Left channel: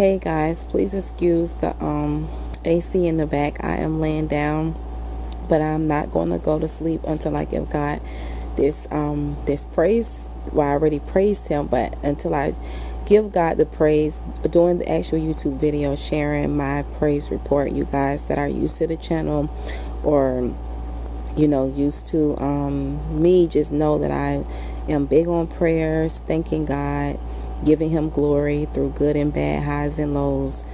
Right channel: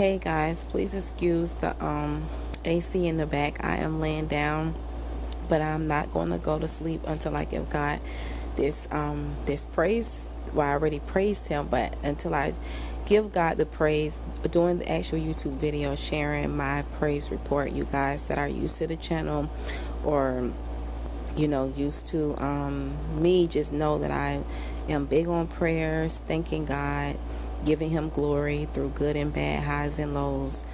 Hey guys, please excuse the AC in the back. I am laying down, but I'm not going to go to sleep until I give God this praise. Well, I already praised him, but until I give God the praise, doing the actual YouTube video, sharing my praise report, you guys that are used to the channel or used to me, just know that I am big on prayers, thanking God, giving him glory through good and bad, highs and lows.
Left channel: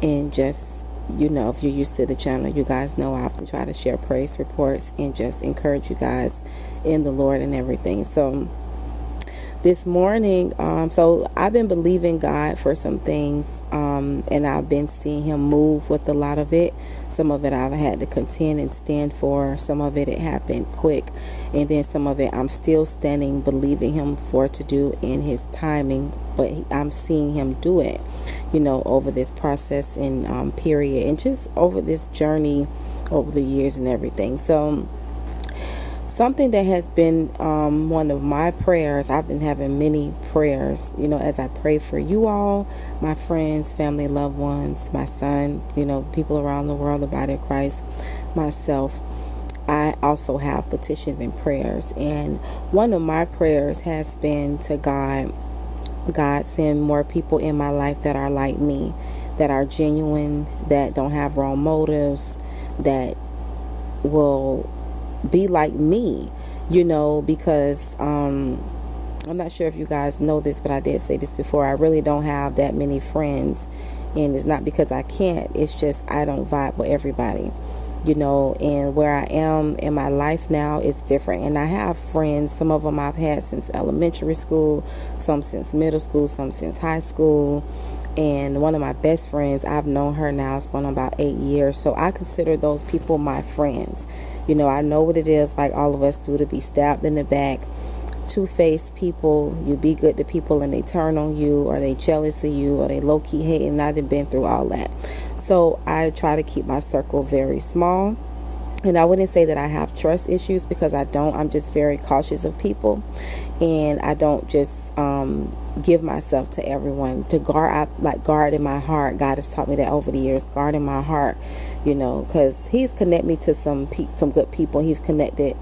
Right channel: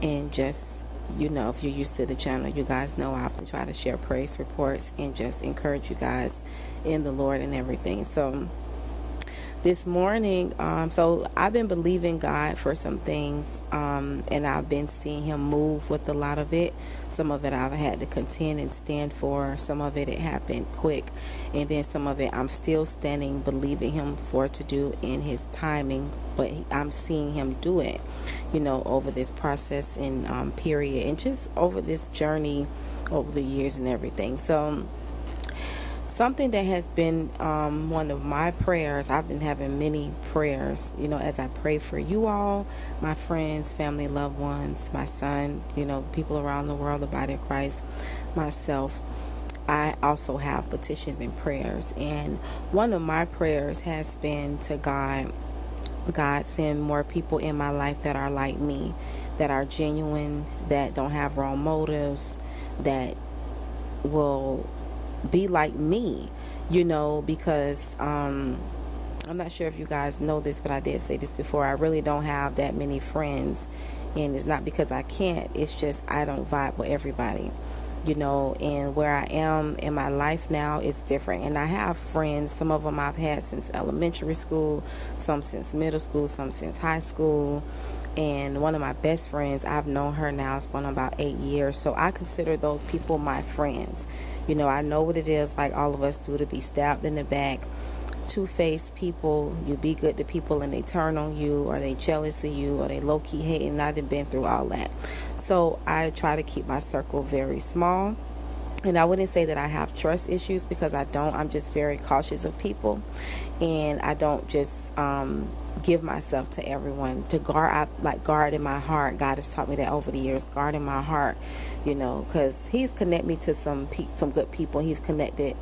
And just, if you're used to the channel, you guys know I often try to share praise reports and just encourage you guys in the Lord and everything. So this morning, so I've been believing God for some things, and I've been seeing him move with a lot of it. Some of it I've had to contend and stand for. Some of it happened quick. And then some of it I'm still standing, believing him for to do in his timing. But I'm seeing him do it, over this process and period. And just over this journey over the years and everything. So something that has been one of my prayers, I've been having many prayers, as I pray for you all, my friends, family, loved ones, my son, people around the world, the body of Christ, myself. I also have petitions and prayers. And one of my prayers has been to God, send more people in my life that are like me, that are genuine, that don't have wrong motives, that will be like me, because I'm not sure if you guys know this, but I did say this before. I really don't have that many friends, and it's not because I can't, it's just I don't vibe with everybody, and where I am in my life now is different. And I have friends, some of them I've had since elementary school, some since middle school, some since high school. And one of my best friends, I've known her now, it's going on about 8 years. So I consider those people my friends. I know what it is, like all of us do, to be stabbed in the back. Two-faced people, you be good to people and they turn on you, or they jealous of you, or they low-key hate, and I've been through all that. So I try to keep my circle very small. And I wouldn't say that I have trust issues, because I don't. I'm just very cautious of people. And I don't just give myself to everyone. To guard in my heart. God has taught me that over the years. Guard in my heart, because he's connected me to some good people. He's connected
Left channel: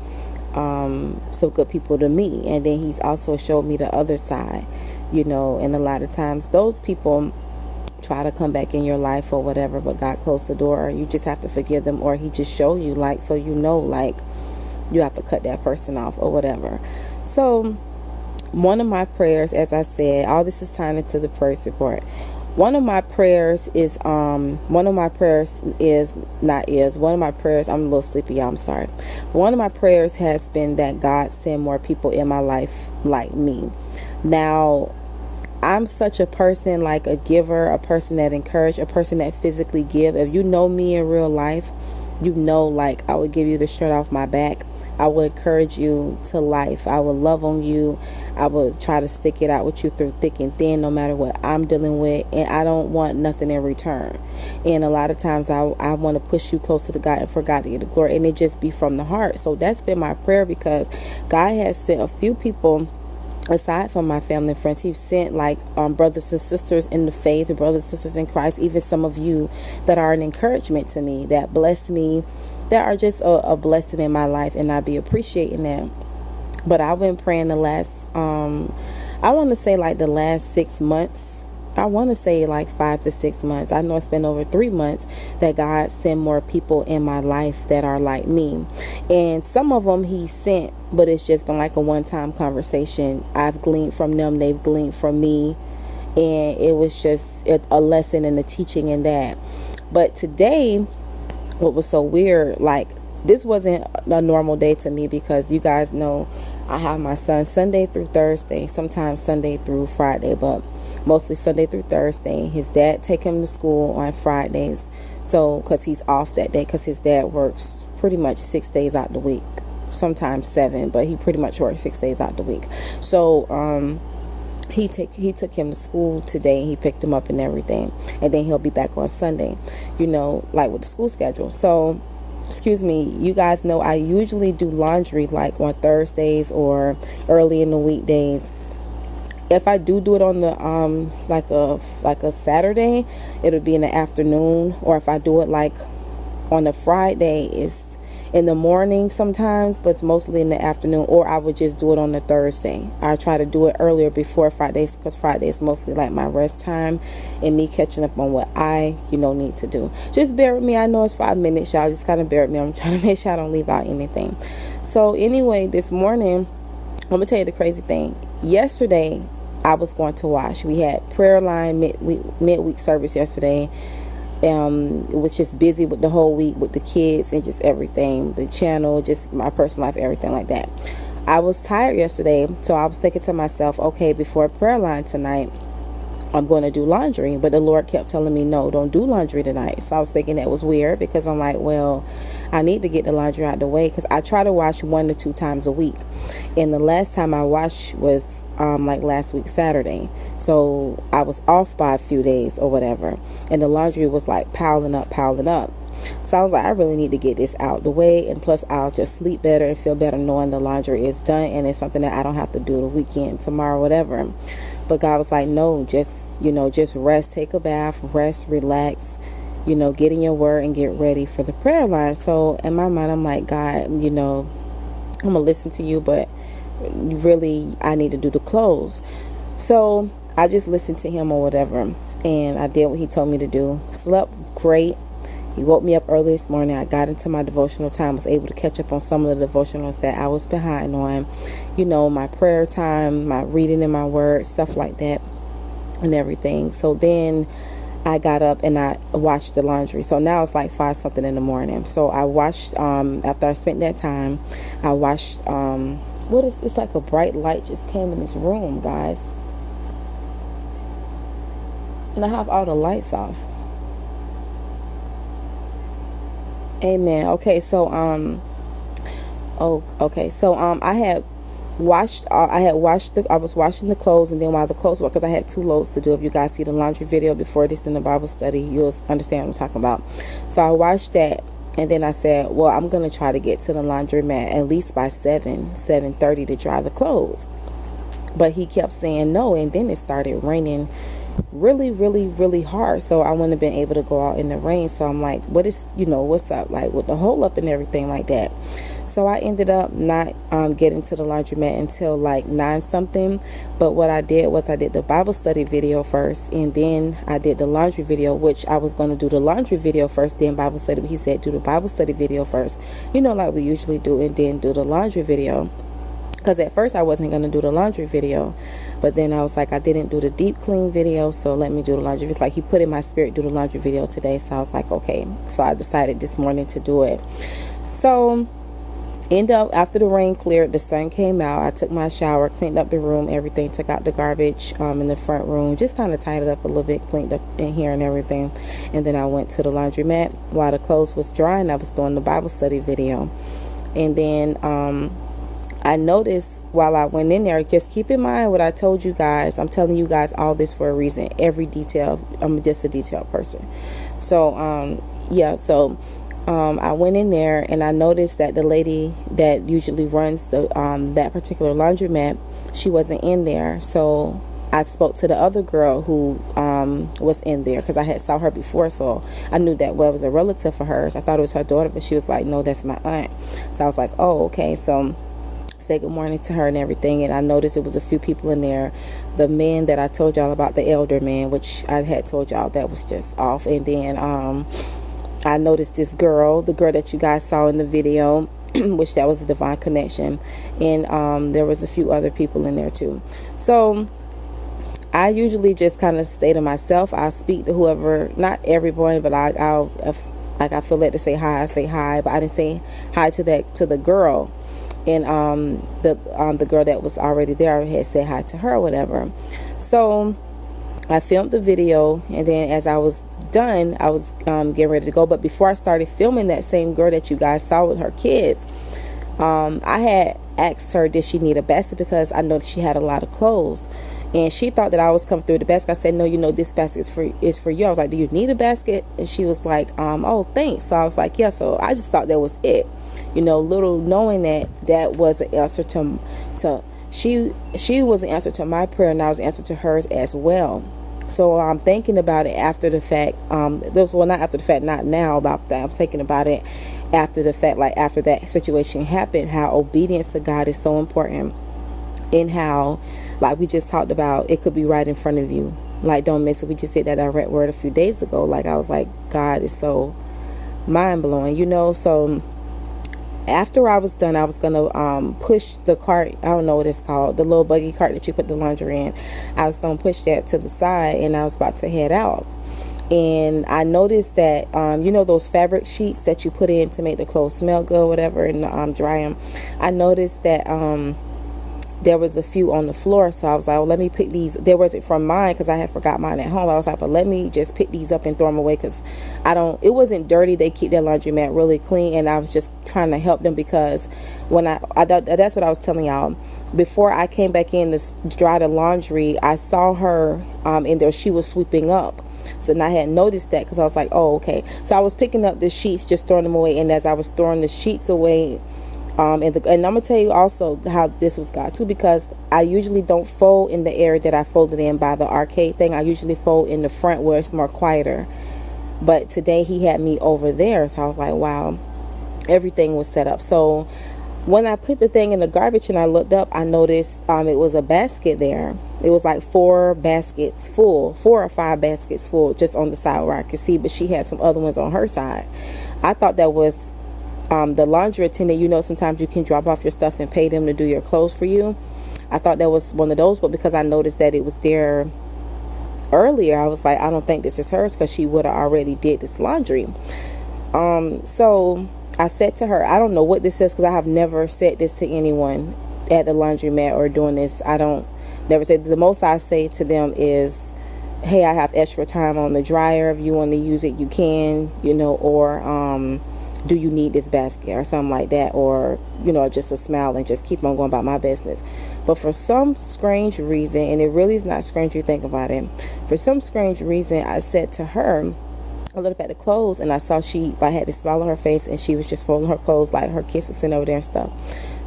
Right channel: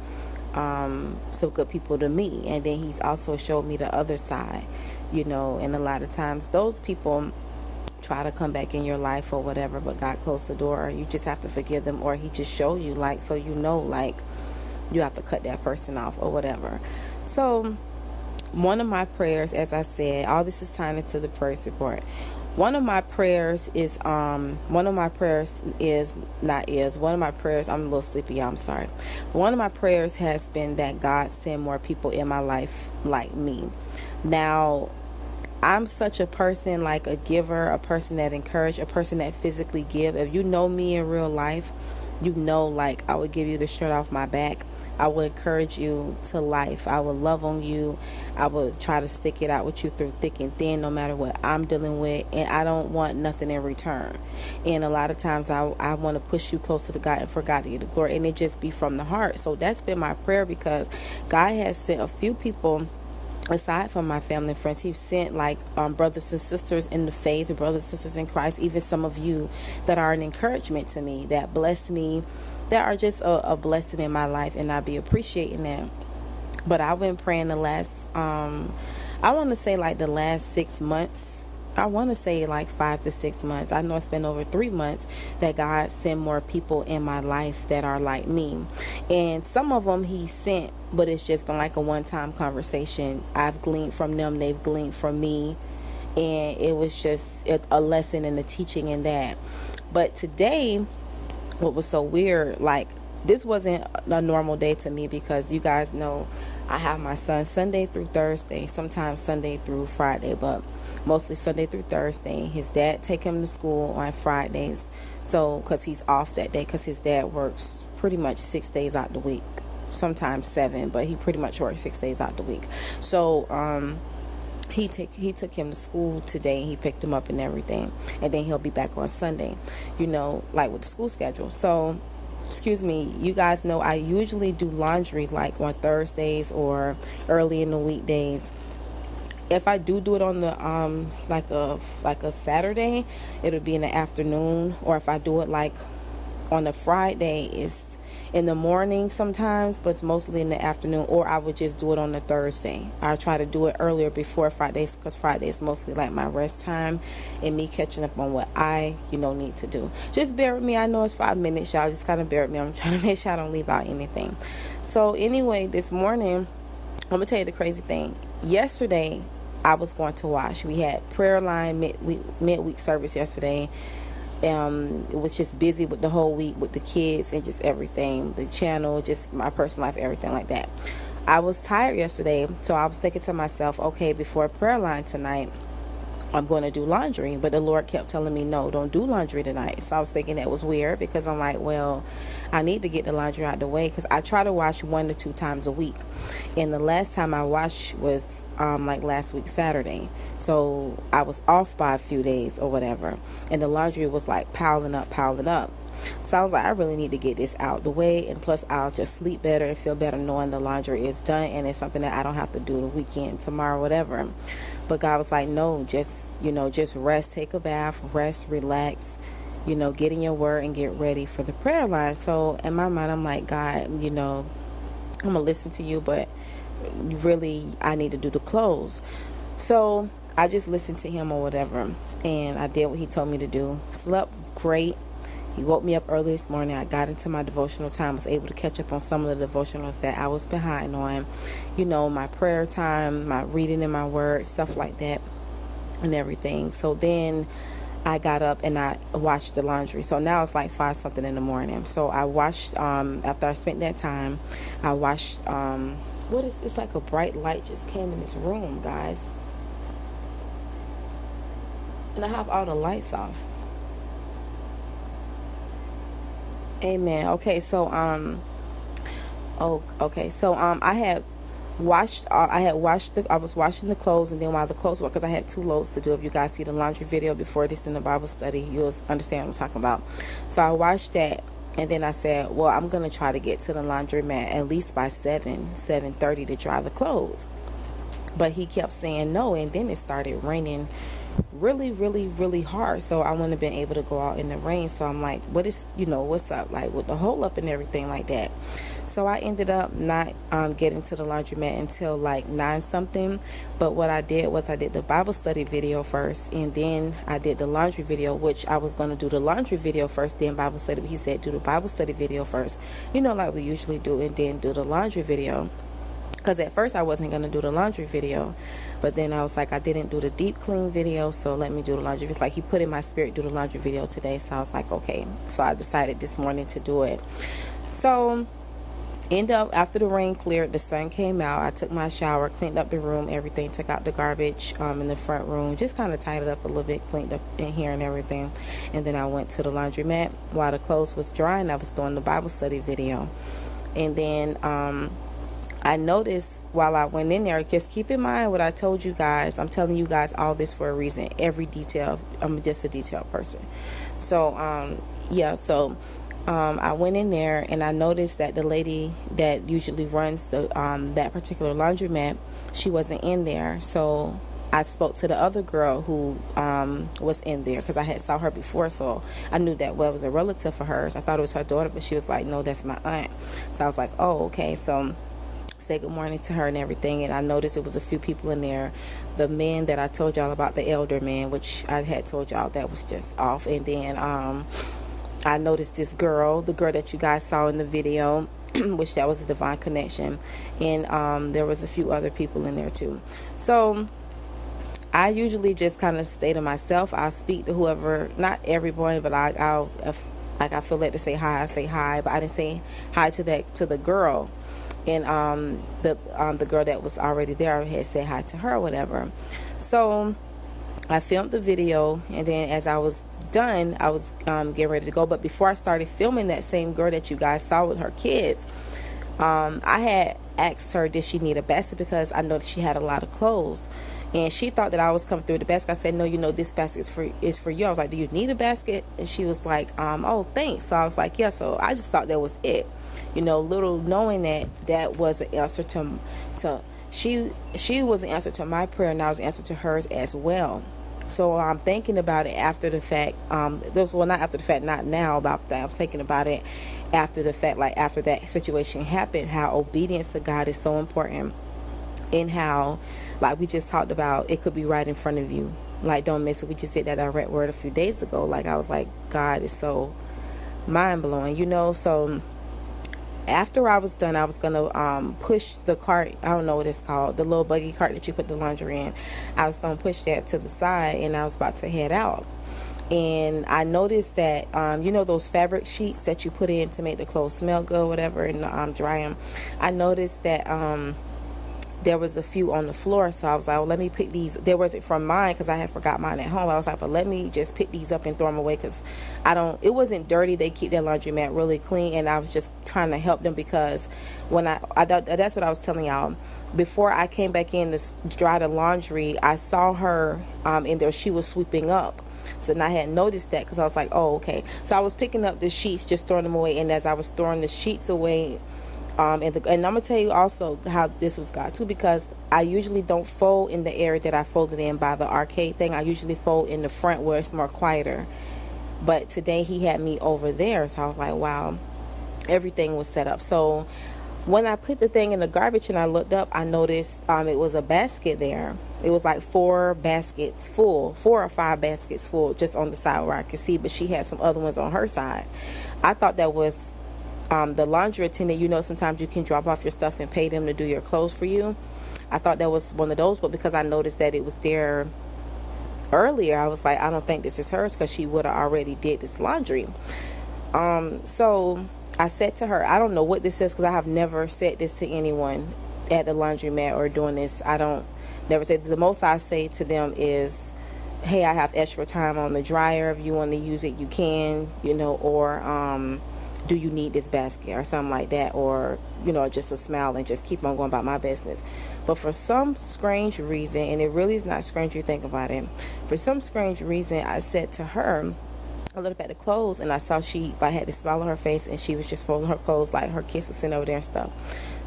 some good people to me. And then he's also showed me the other side, and a lot of times those people try to come back in your life or whatever, but God closed the door, or you just have to forgive them, or he just showed you, so you have to cut that person off or whatever. So one of my prayers, as I said, all this is tying into the praise report. One of my prayers, I'm a little sleepy, I'm sorry. One of my prayers has been that God send more people in my life like me. Now, I'm such a person, like a giver, a person that encourages, a person that physically give. If you know me in real life, I would give you the shirt off my back. I will encourage you to life. I will love on you. I will try to stick it out with you through thick and thin, no matter what I'm dealing with. And I don't want nothing in return. And a lot of times I want to push you closer to God and for God to get the glory. And it just be from the heart. So that's been my prayer, because God has sent a few people, aside from my family and friends. He's sent brothers and sisters in the faith, brothers and sisters in Christ, even some of you that are an encouragement to me, that bless me, that are just a blessing in my life, and I'll be appreciating that. But I've been praying the last, I want to say the last 6 months. I want to say 5 to 6 months. I know it's been over 3 months that God sent more people in my life that are like me. And some of them he sent, but it's just been a one-time conversation. I've gleaned from them, they've gleaned from me. And it was just a lesson and a teaching in that. But today, what was so weird, this wasn't a normal day to me, because you guys know I have my son Sunday through Thursday, sometimes Sunday through Friday, but mostly Sunday through Thursday. His dad take him to school on Fridays, so because he's off that day, because his dad works pretty much 6 days out the week, sometimes 7, but he pretty much works 6 days out the week. So he took him to school today. He picked him up and everything, and then he'll be back on Sunday, with the school schedule. So excuse me, you guys know I usually do laundry on Thursdays or early in the weekdays. if I do it on the like a Saturday, it'll be in the afternoon. Or if I do it like on a Friday, it's in the morning sometimes, but it's mostly in the afternoon. Or I would just do it on a Thursday. I try to do it earlier before Fridays, because Friday is mostly like my rest time and me catching up on what I need to do. Just bear with me. I know it's 5 minutes, y'all. Just kind of bear with me. I'm trying to make sure I don't leave out anything. So anyway, this morning, I'm gonna tell you the crazy thing. Yesterday, I was going to wash. We had prayer line midweek service yesterday. It was just busy with the whole week with the kids and just everything, the channel, just my personal life, everything like that. I was tired yesterday, so I was thinking to myself, okay, before prayer line tonight, I'm going to do laundry. But the Lord kept telling me, no, don't do laundry tonight. So I was thinking that was weird, because I'm like, well, I need to get the laundry out of the way, because I try to wash 1 to 2 times a week. And the last time I washed was like last week Saturday, so I was off by a few days or whatever, and the laundry was like piling up. So I was like, I really need to get this out the way, and plus I'll just sleep better and feel better knowing the laundry is done, and it's something that I don't have to do the weekend, tomorrow, whatever. But God was like, no, just rest, take a bath, rest, relax, get in your word and get ready for the prayer line. So in my mind, I'm like, God, I'm gonna listen to you, but really I need to do the clothes. So I just listened to him or whatever, and I did what he told me to do. Slept great. He woke me up early this morning. I got into my devotional time, was able to catch up on some of the devotionals that I was behind on, my prayer time, my reading in my word, stuff like that and everything. So then I got up and I washed the laundry. So now it's like 5 something in the morning. So I washed, after I spent that time, I washed, it's like a bright light just came in this room, guys. And I have all the lights off. Amen. Okay, so I was washing the clothes, and then while the clothes were, because I had 2 loads to do. If you guys see the laundry video before this in the Bible study, you'll understand what I'm talking about. So I washed that, and then I said, well, I'm going to try to get to the laundromat at least by 7:30 to dry the clothes. But he kept saying no, and then it started raining really, really, really hard. So I wouldn't have been able to go out in the rain. So I'm like, what's up, like with the hole up and everything like that. So I ended up not getting to the laundromat until like 9 something. But what I did was I did the Bible study video first, and then I did the laundry video, which I was going to do the laundry video first, then Bible study. He said do the Bible study video first, like we usually do, and then do the laundry video. Because at first I wasn't going to do the laundry video. But then I was like, I didn't do the deep clean video, so let me do the laundry. It's like he put in my spirit do the laundry video today. So I was like, okay. So I decided this morning to do it. So after the rain cleared, the sun came out. I took my shower, cleaned up the room, everything, took out the garbage in the front room, just kind of tidied up a little bit, cleaned up in here and everything. And then I went to the laundromat. While the clothes was drying, I was doing the Bible study video. And then I noticed while I went in there, just keep in mind what I told you guys. I'm telling you guys all this for a reason. Every detail. I'm just a detailed person. So, I went in there and I noticed that the lady that usually runs that particular laundromat, she wasn't in there. So I spoke to the other girl who was in there, because I had saw her before, so I knew that it was a relative of hers. I thought it was her daughter, but she was like, no, that's my aunt. So I was like, oh, okay. So say good morning to her and everything, and I noticed it was a few people in there. The man that I told y'all about, the elder man, which I had told y'all that was just off. And then I noticed this girl, the girl that you guys saw in the video, which that was a divine connection. And there was a few other people in there too. So I usually just kind of stay to myself. I speak to whoever, not everyone, but I'll like I feel led to say hi, I say hi. But I didn't say hi to the girl. And the girl that was already there, I had said hi to her or whatever. So I filmed the video, and then as I was done, I was getting ready to go. But before I started filming that same girl that you guys saw with her kids, I had asked her, did she need a basket, because I know she had a lot of clothes. And she thought that I was coming through the basket. I said, no, this basket is for you. I was like, do you need a basket? And she was like, oh, thanks. So I was like, yeah. So I just thought that was it. Little knowing that was an answer to she was the answer to my prayer, and I was the answer to hers as well. So I'm thinking about it after the fact. Well, not after the fact, not now about that. I'm thinking about it after the fact, like after that situation happened, how obedience to God is so important, and how, like we just talked about, it could be right in front of you. Like, don't miss it. We just did that direct word a few days ago. Like, I was like, God is so mind-blowing, So after I was done, I was going to push the cart. I don't know what it's called. The little buggy cart that you put the laundry in. I was going to push that to the side, and I was about to head out. And I noticed that, those fabric sheets that you put in to make the clothes smell good, whatever, and dry them. I noticed that there was a few on the floor, so I was like, well, let me pick these. There wasn't from mine because I had forgot mine at home. I was like, but let me just pick these up and throw them away because it wasn't dirty. They keep their laundromat really clean, and I was just trying to help them because when that's what I was telling y'all. Before I came back in to dry the laundry, I saw her in there. She was sweeping up. So I hadn't noticed that because I was like, oh, okay. So I was picking up the sheets, just throwing them away, and as I was throwing the sheets away, and I'm going to tell you also how this was God too, because I usually don't fold in the area that I folded in by the arcade thing. I usually fold in the front where it's more quieter. But today he had me over there, so I was like, wow, everything was set up. So when I put the thing in the garbage and I looked up, I noticed it was a basket there. It was like 4 or 5 baskets full just on the side where I could see, but she had some other ones on her side. I thought that was the laundry attendant. Sometimes you can drop off your stuff and pay them to do your clothes for you. I thought that was one of those, but because I noticed that it was there earlier, I was like, I don't think this is hers because she would have already did this laundry. So I said to her, I don't know what this is because I have never said this to anyone at the laundromat or doing this. Never said. The most I say to them is, hey, I have extra time on the dryer. If you want to use it, you can, or do you need this basket or something like that, or just a smile and just keep on going about my business. But for some strange reason, and it really is not strange, you think about it, for some strange reason, I said to her, I looked up at the clothes and I saw I had this smile on her face, and she was just folding her clothes, like her kids were sitting over there and stuff.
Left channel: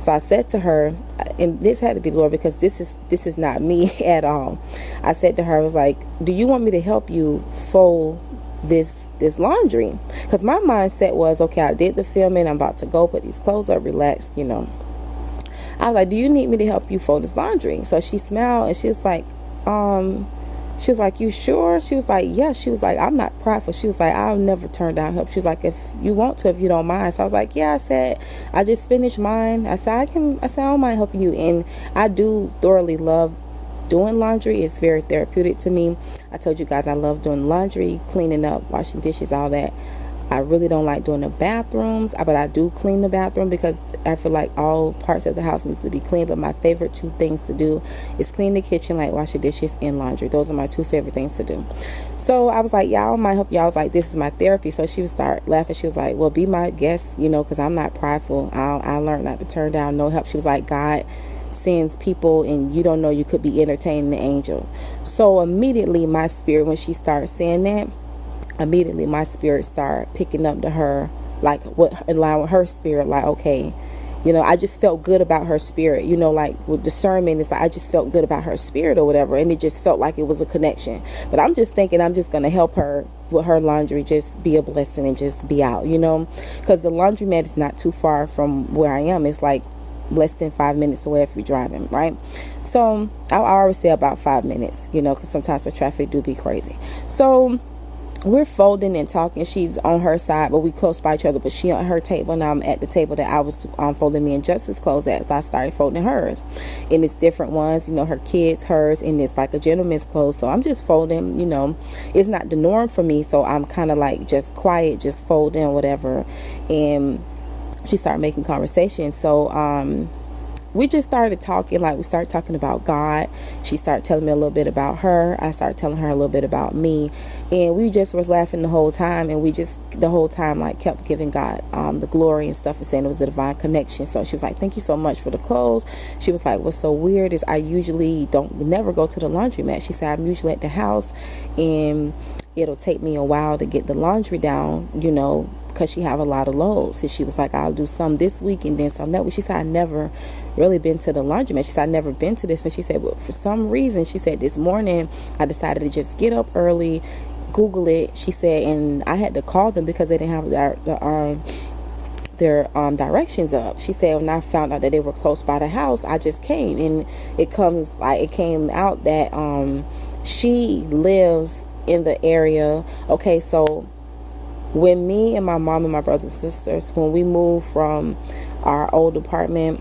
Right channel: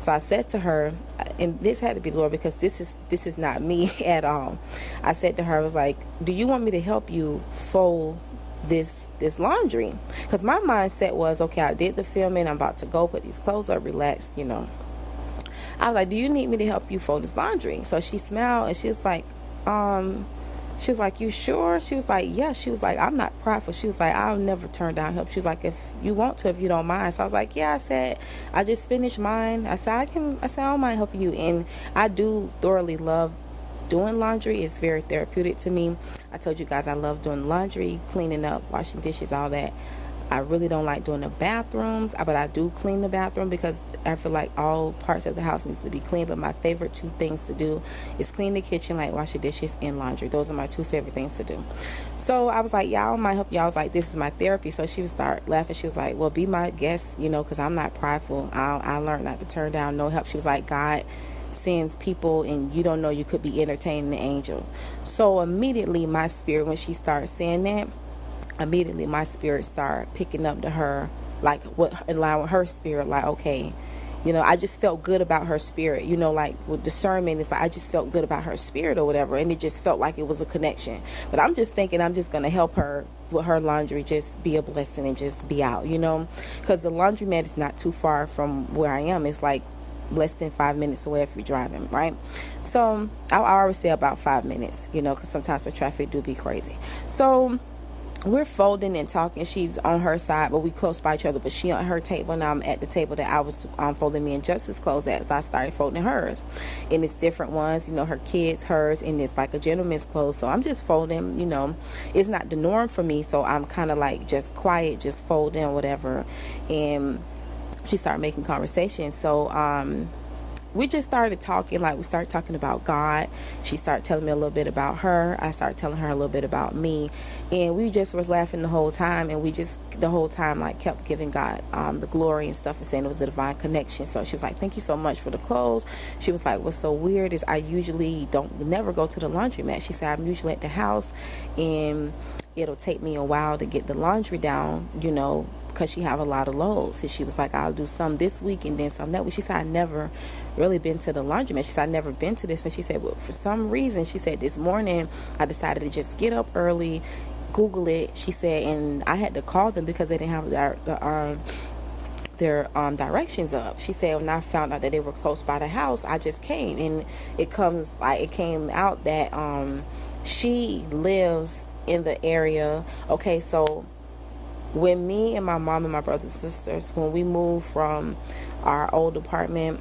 So I said to her, and this had to be the Lord because this is not me at all. I said to her, I was like, do you want me to help you fold this laundry? Because my mindset was, okay, I did the filming, I'm about to go put these clothes up, relax, I was like, do you need me to help you fold this laundry? So she smiled and she was like, you sure? She was like, yeah. She was like, I'm not prideful. She was like, I'll never turn down help. She was like, if you want to, if you don't mind. So I was like, yeah. I said, I just finished mine. I said, I don't mind helping you. And I do thoroughly love doing laundry. It's very therapeutic to me. I told you guys I love doing laundry, cleaning up, washing dishes, all that. I really don't like doing the bathrooms, but I do clean the bathroom because I feel like all parts of the house needs to be clean. But my favorite 2 things to do is clean the kitchen, like wash the dishes, and laundry. Those are my 2 favorite things to do. So I was like, y'all might help y'all. I was like, this is my therapy. So she would start laughing. She was like, well, be my guest, because I'm not prideful. I learned not to turn down no help. She was like, God sends people and you don't know, you could be entertaining the angel. So immediately my spirit, when she started saying that, immediately my spirit started picking up to her, like what in line with her spirit, like, okay, I just felt good about her spirit, like with discernment, it's like I just felt good about her spirit or whatever, and it just felt like it was a connection. But I'm just thinking I'm just going to help her with her laundry, just be a blessing and just be out, because the laundromat is not too far from where I am. It's like less than 5 minutes away if you're driving, right? So I always say about 5 minutes, because sometimes the traffic do be crazy. So we're folding and talking. She's on her side, but we close by each other. But she on her table, now I'm at the table that I was folding me and Justice's clothes at, as I started folding hers. And it's different ones, her kids, hers, and it's like a gentleman's clothes. So I'm just folding, it's not the norm for me. So I'm kind of like just quiet, just folding or whatever. And she started making conversation. So we just started talking, like we started talking about God. She started telling me a little bit about her. I started telling her a little bit about me. And we just was laughing the whole time. And we just, the whole time, like kept giving God the glory and stuff and saying it was a divine connection. So she was like, thank you so much for the clothes. She was like, what's so weird is I usually never go to the laundromat. She said, I'm usually at the house and it'll take me a while to get the laundry down, because she have a lot of loads. And she was like, I'll do some this week and then some that week. She said, I never really been to the laundromat. She said, I've never been to this. And she said, well, for some reason, she said, this morning I decided to just get up early, Google it. She said, and I had to call them because they didn't have their directions up. She said, when I found out that they were close by the house, I just came. And it came out that she lives in the area. Okay, so when me and my mom and my brothers and sisters, when we moved from our old apartment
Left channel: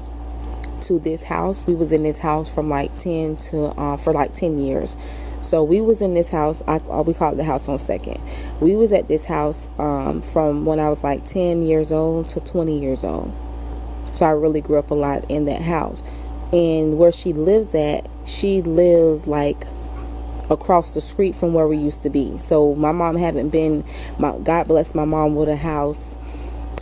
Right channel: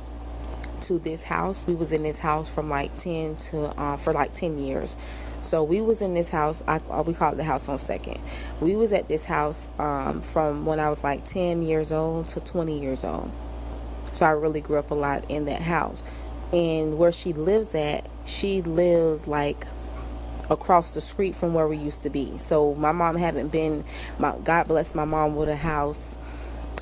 to this house, we was in this house from like 10 to for like 10 years. So we was in this house, we call it the house on Second. We was at this house from when I was like 10 years old to 20 years old. So I really grew up a lot in that house. And where she lives at, she lives like across the street from where we used to be. So my mom haven't been, God bless my mom with a house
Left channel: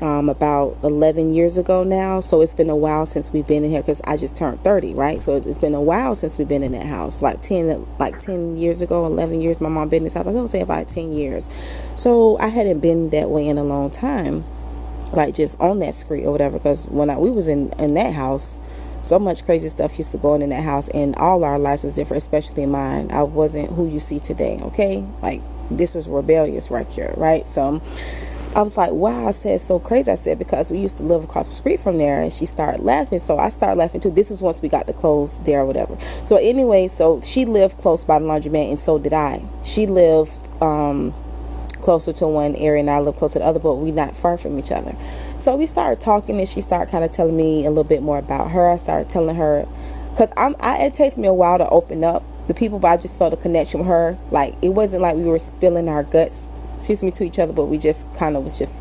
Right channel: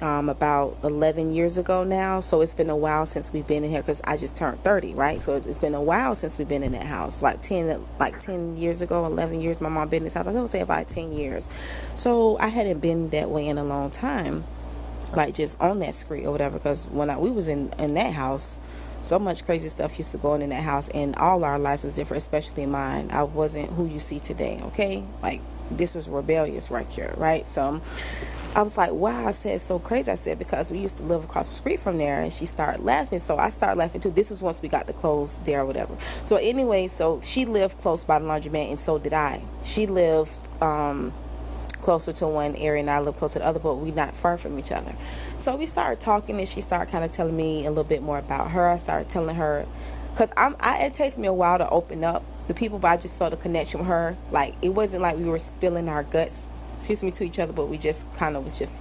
about 11 years ago now. So it's been a while since we've been in here, because I just turned 30, right? So it's been a while since we've been in that house. Like 10 years ago, 11 years my mom been in this house. I don't say about 10 years. So I hadn't been that way in a long time, like just on that street or whatever, because when we was in that house, so much crazy stuff used to go on in that house, and all our lives was different, especially mine. I wasn't who you see today, okay? Like, this was rebellious right here, right? So I was like, wow. I said, so crazy. I said, because we used to live across the street from there. And she started laughing, so I started laughing too. This was once we got the clothes there or whatever. So anyway, so she lived close by the laundromat, and so did I. She lived closer to one area, and I lived closer to the other, but we not far from each other. So we started talking, and she started kind of telling me a little bit more about her. I started telling her, because it takes me a while to open up the people, but I just felt a connection with her. Like, it wasn't like we were spilling our guts, to each other, but we just kind of was just,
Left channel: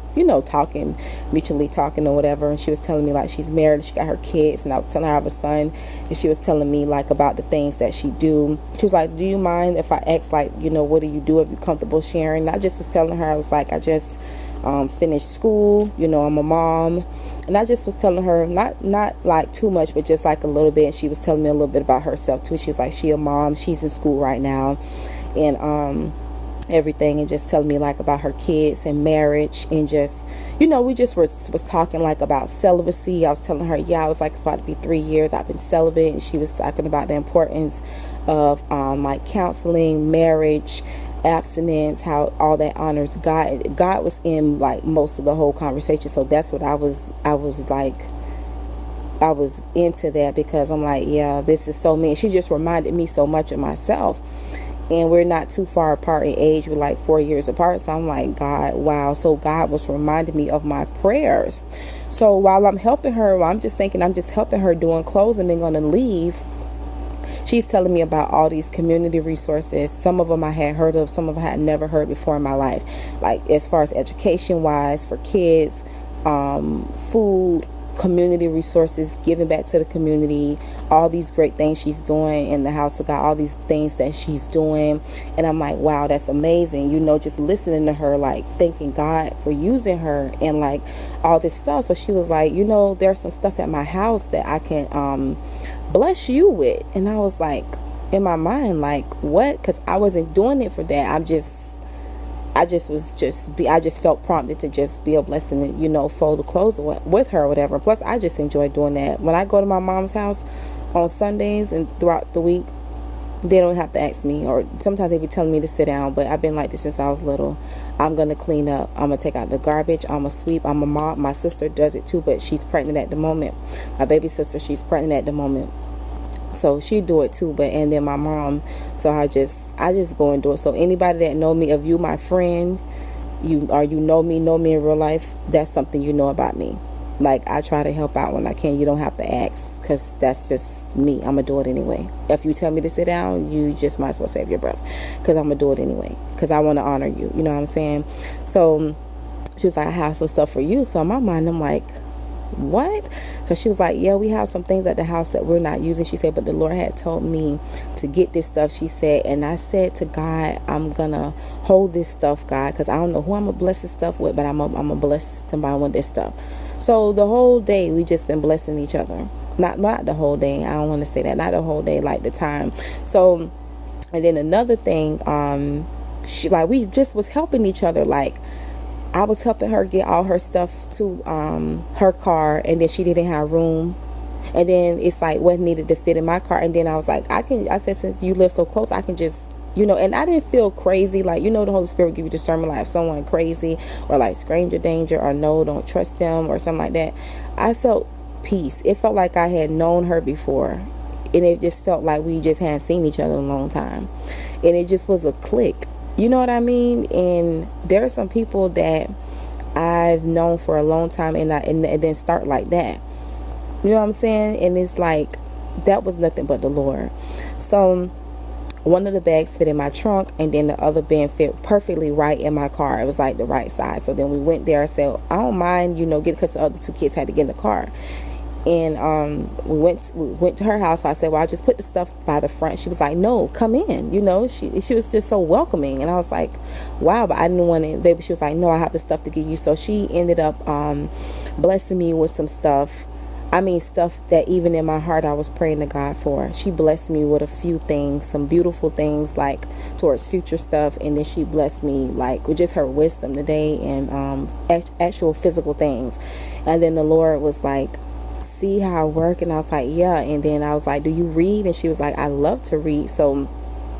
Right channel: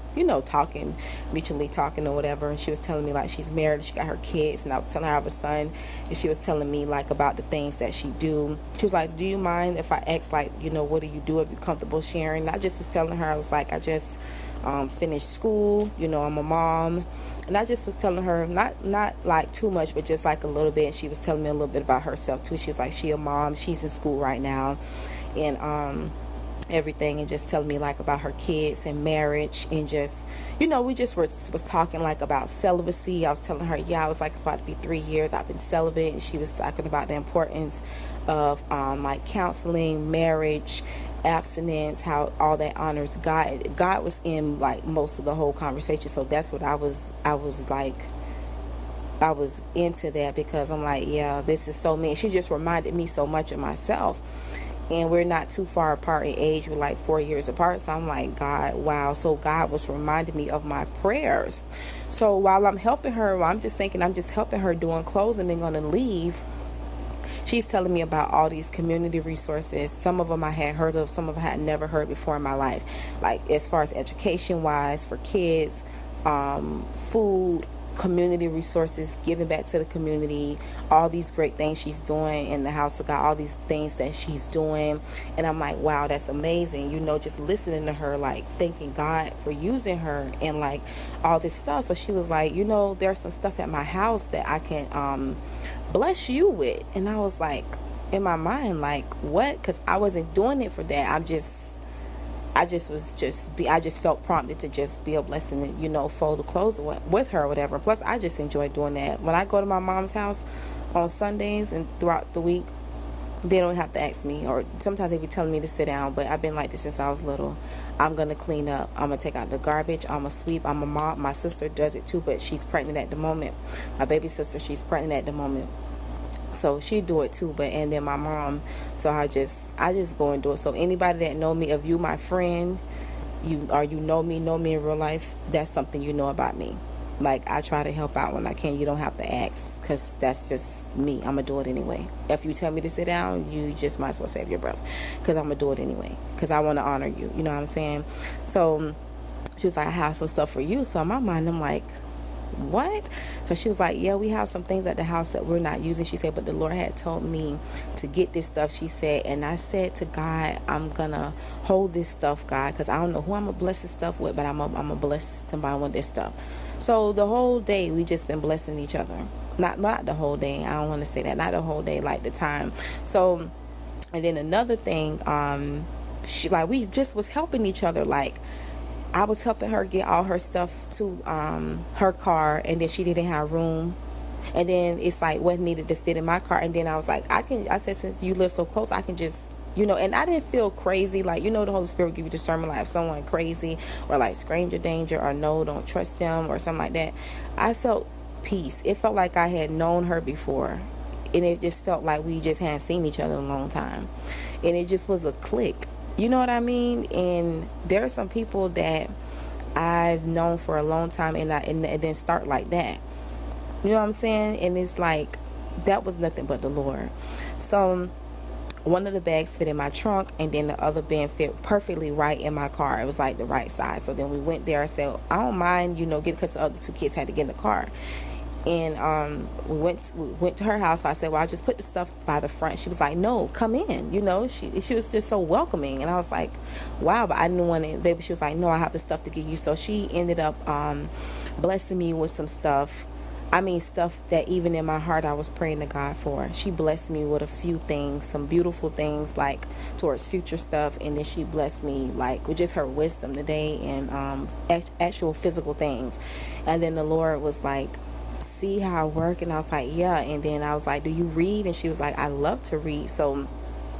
talking, mutually talking or whatever. And she was telling me, like, she's married, she got her kids, and I was telling her I have a son, and she was telling me, like, about the things that she do. She was like, do you mind if I ask, like, what do you do if you're comfortable sharing? And I just was telling her, I was like, I just finished school, I'm a mom. And I just was telling her, not like too much, but just like a little bit. And she was telling me a little bit about herself too. She was like, she a mom, she's in school right now, and everything, and just telling me like about her kids and marriage, and just we just was talking like about celibacy. I was telling her, I was like, it's about to be 3 years I've been celibate, and she was talking about the importance of like counseling, marriage, abstinence, how all that honors God. God was in like most of the whole conversation, so that's what I was into that, because I'm like, yeah, this is so me. She just reminded me so much of myself. And we're not too far apart in age. We're like 4 years apart. So I'm like, God, wow. So God was reminding me of my prayers. So while I'm helping her, I'm just helping her doing clothes, and then going to leave. She's telling me about all these community resources. Some of them I had heard of, some of them I had never heard before in my life. Like, as far as education-wise for kids, food, community resources, giving back to the community, all these great things she's doing in the house of God, all these things that she's doing. And I'm like, wow, that's amazing. Just listening to her, like thanking God for using her and like all this stuff. So she was like, there's some stuff at my house that I can bless you with. And I was like, in my mind, like, what? Because I wasn't doing it for that. I just felt prompted to just be a blessing and, fold the clothes with her or whatever. Plus, I just enjoy doing that. When I go to my mom's house on Sundays and throughout the week, they don't have to ask me, or sometimes they be telling me to sit down, but I've been like this since I was little. I'm going to clean up. I'm going to take out the garbage. I'm going to sweep. I'm a mom. My sister does it too, but she's pregnant at the moment. My baby sister, she's pregnant at the moment. So she do it too, and then my mom. So I just go and do it. So anybody that know me, if you my friend, you know me in real life, that's something you know about me. Like, I try to help out when I can. You don't have to ask, because that's just me. I'm going to do it anyway. If you tell me to sit down, you just might as well save your breath, because I'm going to do it anyway, because I want to honor you. You know what I'm saying? So she was like, I have some stuff for you. So in my mind, I'm like, what? So she was like, yeah, we have some things at the house that we're not using. She said, but the Lord had told me to get this stuff. She said, and I said to God, I'm gonna hold this stuff, God, because I don't know who I'm gonna bless this stuff with, but I'm gonna bless somebody with this stuff. So the whole day we just been blessing each other. Not the whole day, I don't want to say that, not the whole day, like the time. So, and then another thing, we just was helping each other, like I was helping her get all her stuff to her car, and then she didn't have room. And then it's like what needed to fit in my car. And then I was like, I said, since you live so close, I can just, and I didn't feel crazy. Like, the Holy Spirit will give you discernment, like if someone crazy or like stranger danger or no, don't trust them or something like that. I felt peace. It felt like I had known her before. And it just felt like we just hadn't seen each other in a long time. And it just was a click. You know what I mean? And there are some people that I've known for a long time and then start like that. You know what I'm saying? And it's like, that was nothing but the Lord. So one of the bags fit in my trunk, and then the other bag fit perfectly right in my car. It was like the right size. So then we went there. I said, I don't mind, because the other two kids had to get in the car. And we went to her house. So I said, well, I just put the stuff by the front. She was like, no, come in. She was just so welcoming. And I was like, wow, but I didn't want to. Baby, she was like, no, I have the stuff to give you. So she ended up blessing me with some stuff. Stuff that even in my heart I was praying to God for. She blessed me with a few things, some beautiful things, like towards future stuff. And then she blessed me like with just her wisdom today and actual physical things. And then the Lord was like, see how I work? And I was like, yeah. And then I was like, do you read? And she was like, I love to read. So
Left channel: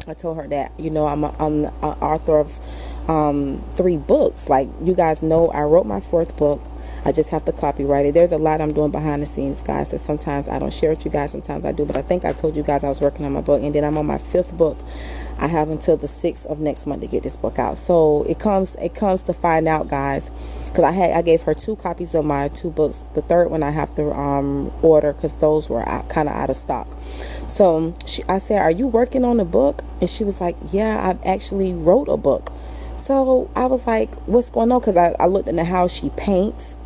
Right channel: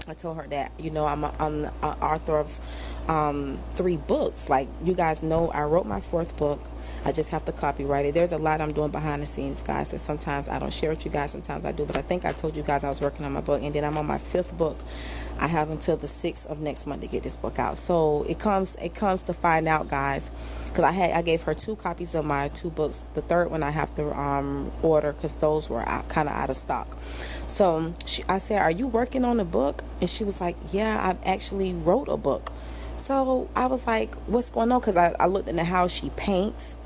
I told her that, I'm an author of 3 books. Like, you guys know, I wrote my 4th book. I just have to copyright it. There's a lot I'm doing behind the scenes, guys. So sometimes I don't share with you guys. Sometimes I do. But I think I told you guys I was working on my book. And then I'm on my 5th book. I have until the 6th of next month to get this book out. So it comes to find out, guys. Because I gave her 2 copies of my 2 books. The 3rd one I have to order because those were kind of out of stock. So I said, are you working on a book? And she was like, yeah, I actually wrote a book. So I was like, what's going on? Because I looked in the house. She paints.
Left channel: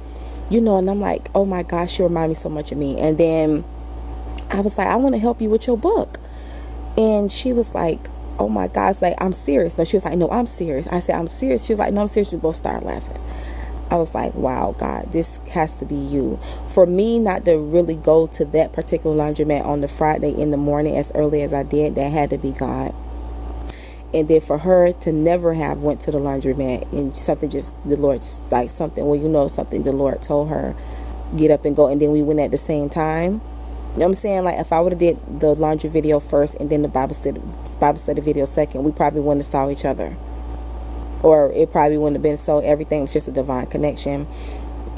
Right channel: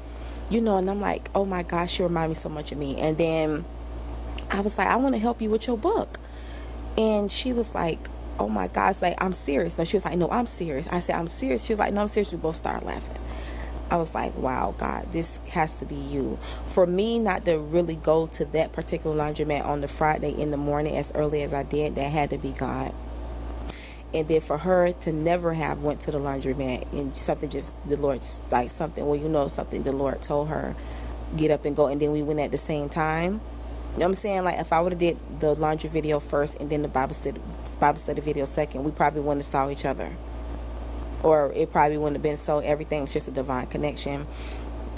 And I'm like, oh my gosh, you remind me so much of me. And then I was like, I want to help you with your book. And she was like, oh my gosh, like, I'm serious. No, she was like, no, I'm serious. I said, I'm serious. She was like, no, I'm serious. We both started laughing. I was like, wow, God, this has to be you. For me not to really go to that particular laundromat on the Friday in the morning as early as I did, that had to be God. And then for her to never have went to the laundromat and something just, the Lord, like something, something the Lord told her, get up and go. And then we went at the same time. You know what I'm saying? Like, if I would have did the laundry video first and then the Bible study video second, we probably wouldn't have saw each other. Or it probably wouldn't have been so. Everything was just a divine connection.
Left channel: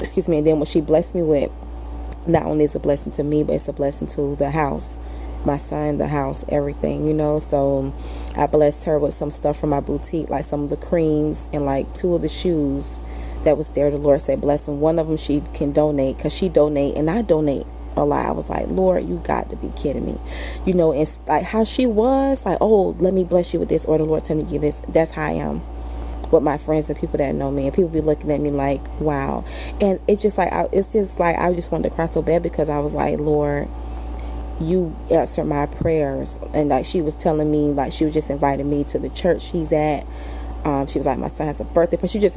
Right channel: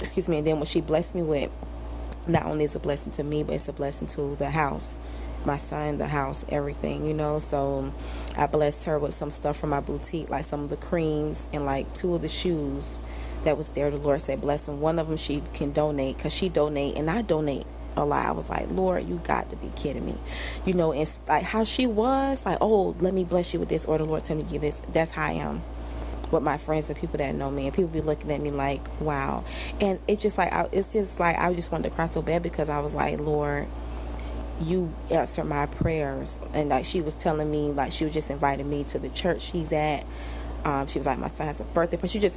Excuse me. And then what she blessed me with, not only is a blessing to me, but it's a blessing to the house. My son, the house, everything, So I blessed her with some stuff from my boutique, like some of the creams and like 2 of the shoes that was there. The Lord said, bless them. One of them she can donate because she donate and I donate a lot. I was like, Lord, you got to be kidding me. And like how she was like, oh, let me bless you with this, or the Lord tell me to give this. That's how I am with my friends and people that know me, and people be looking at me like, wow. And it's just like, I just wanted to cry so bad because I was like, Lord, you answered my prayers. And like she was telling me, like she was just inviting me to the church she's at. She was like, my son has a birthday, but she just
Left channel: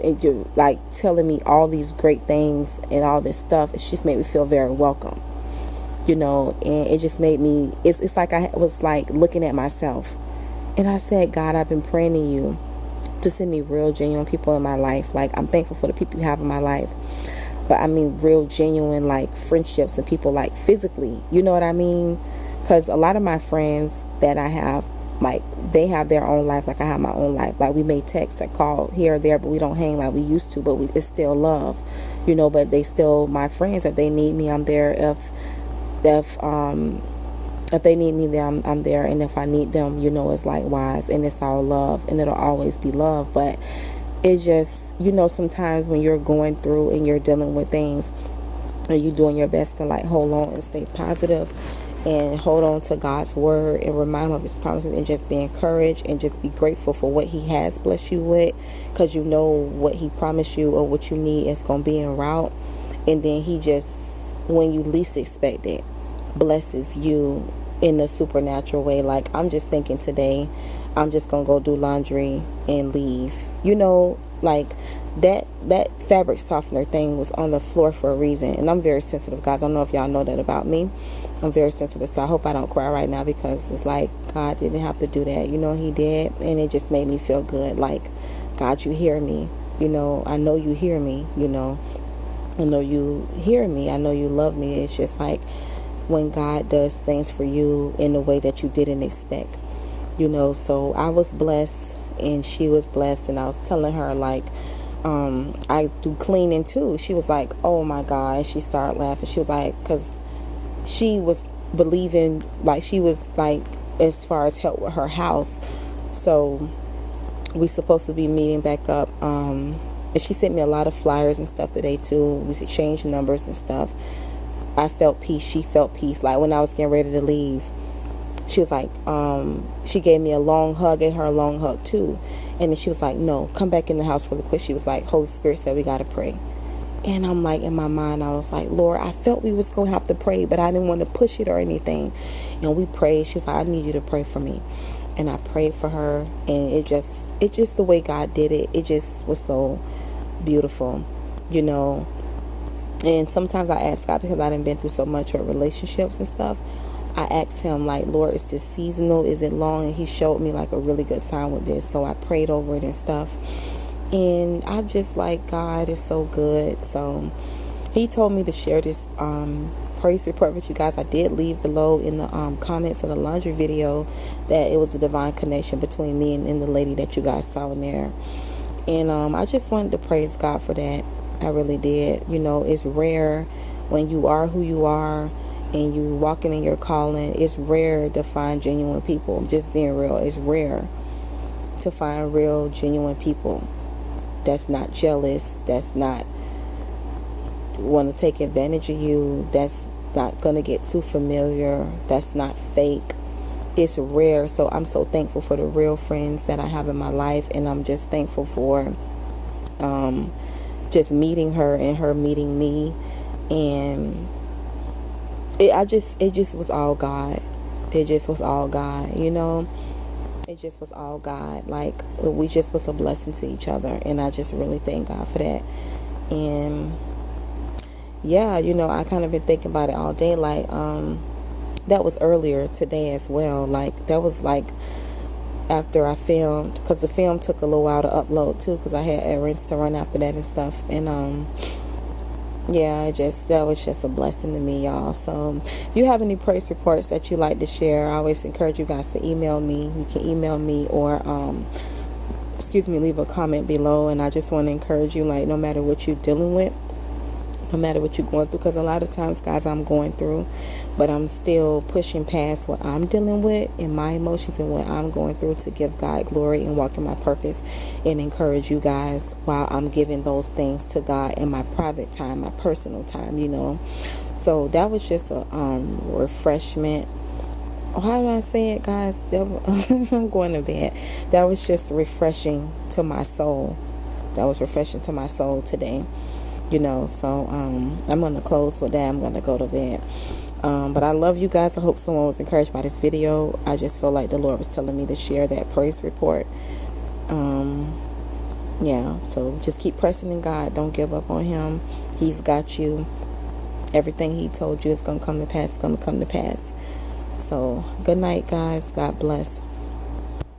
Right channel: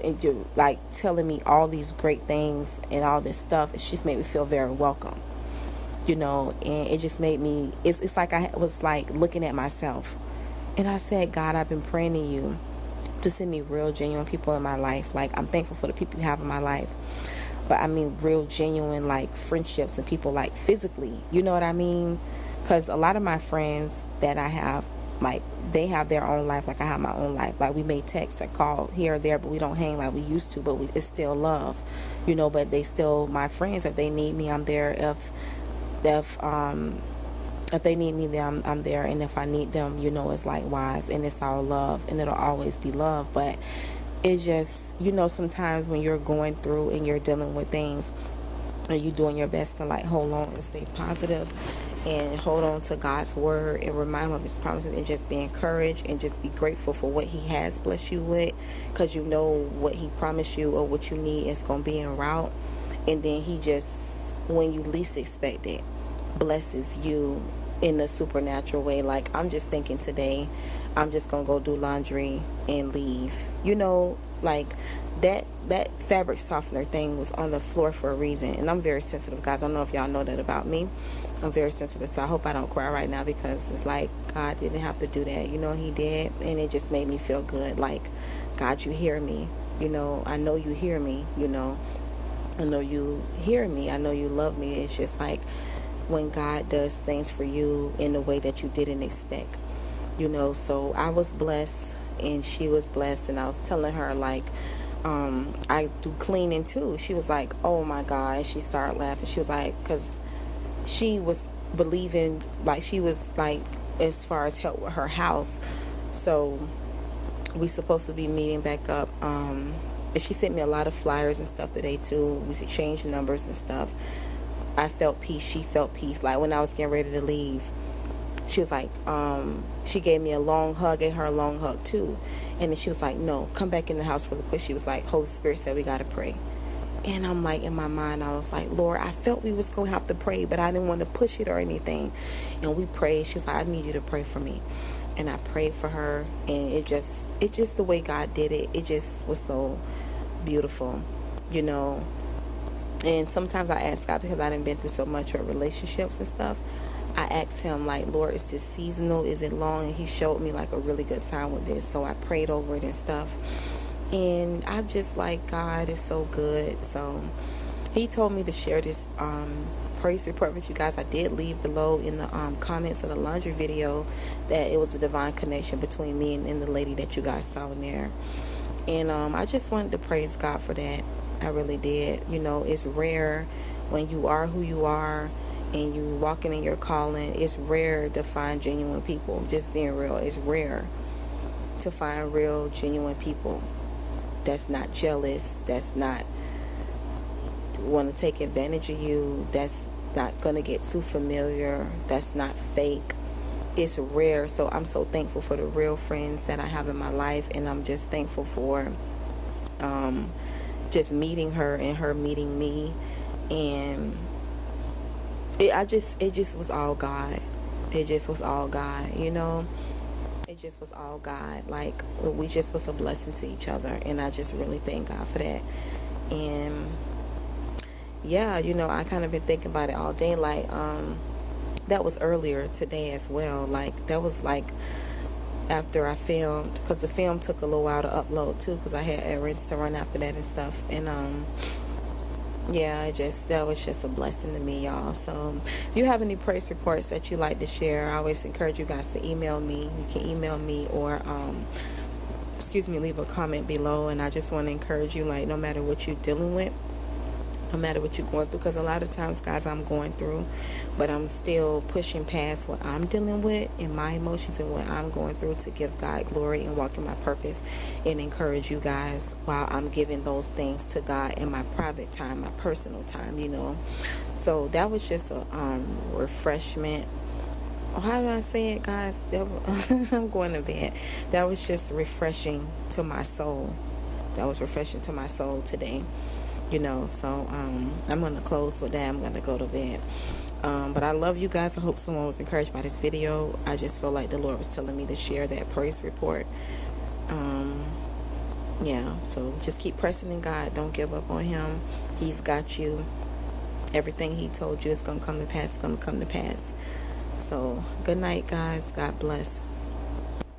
like telling me all these great things and all this stuff. It just made me feel very welcome, and it just made me, it's like I was like looking at myself, and I said, God, I've been praying to you to send me real genuine people in my life. Like, I'm thankful for the people you have in my life, but I mean real genuine like friendships and people like physically, you know what I mean? Because a lot of my friends that I have, like, they have their own life like I have my own life. Like, we may text or call here or there, but we don't hang like we used to, but it's still love, but they still my friends. If they need me, I'm there. If they need me, I'm there. And if I need them, it's likewise. And it's all love, and it'll always be love. But it's just, sometimes when you're going through and you're dealing with things and you're doing your best to like hold on and stay positive and hold on to God's word and remind him of his promises and just be encouraged and just be grateful for what he has blessed you with, because what he promised you or what you need is going to be en route. And then he just, when you least expect it, blesses you in a supernatural way. Like, I'm just thinking today, I'm just gonna go do laundry and leave. Like that fabric softener thing was on the floor for a reason. And I'm very sensitive, guys. I don't know if y'all know that about me. I'm very sensitive, so I hope I don't cry right now, because it's like God didn't have to do that. He did, and it just made me feel good. Like, God, you hear me. You know, I know you hear me, you know. I know you hear me. I know you love me. It's just like when God does things for you in a way that you didn't expect, you know. So I was blessed and she was blessed, and I was telling her, like, I do cleaning too. She was like, oh my God. She started laughing. She was like, because she was believing, like, she was like, as far as help with her house. So we supposed to be meeting back up. And she sent me a lot of flyers and stuff today too. We should change numbers and stuff. I felt peace. She felt peace. Like when I was getting ready to leave, she was like, she gave me a long hug, gave her a long hug too. And then she was like, no, come back in the house really quick. She was like, Holy Spirit said we got to pray. And I'm like, in my mind, I was like, Lord, I felt we was going to have to pray, but I didn't want to push it or anything. And we prayed. She was like, I need you to pray for me. And I prayed for her. And it just the way God did it, it just was so beautiful, you know. And sometimes I ask God, because I done been through so much with relationships and stuff, I asked him, like, Lord, is this seasonal? Is it long? And he showed me like a really good sign with this. So I prayed over it and stuff. And I'm just like, God is so good. So he told me to share this praise report with you guys. I did leave below in the comments of the laundry video that it was a divine connection between me and the lady that you guys saw in there. And I just wanted to praise God for that. I really did. You know, it's rare when you are who you are and you walking in your calling. It's rare to find genuine people. Just being real, it's rare to find real, genuine people that's not jealous, that's not want to take advantage of you, that's not going to get too familiar, that's not fake. It's rare. So I'm so thankful for the real friends that I have in my life, and I'm just thankful for just meeting her and her meeting me. And it just was all God. It just was all God, you know. It just was all God. Like, we just was a blessing to each other, and I just really thank God for that. And yeah, you know, I kind of been thinking about it all day. Like, that was earlier today as well. Like, that was like after I filmed, because the film took a little while to upload too, because I had errands to run after that and stuff. And yeah, that was just a blessing to me, y'all. So if you have any praise reports that you like to share, I always encourage you guys to email me. You can email me or leave a comment below. And I just want to encourage you, like, no matter what you're dealing with, no matter what you're going through, because a lot of times, guys, I'm going through, but I'm still pushing past what I'm dealing with and my emotions and what I'm going through to give God glory and walk in my purpose, and encourage you guys while I'm giving those things to God in my private time, my personal time, you know. So that was just a refreshment. How do I say it, guys? I'm going to bed. That was just refreshing to my soul. That was refreshing to my soul today. You know, so I'm going to close with that. I'm going to go to bed. But I love you guys. I hope someone was encouraged by this video. I just feel like the Lord was telling me to share that praise report. Yeah, so just keep pressing in God. Don't give up on him. He's got you. Everything he told you is going to come to pass. It's going to come to pass. So good night, guys. God bless.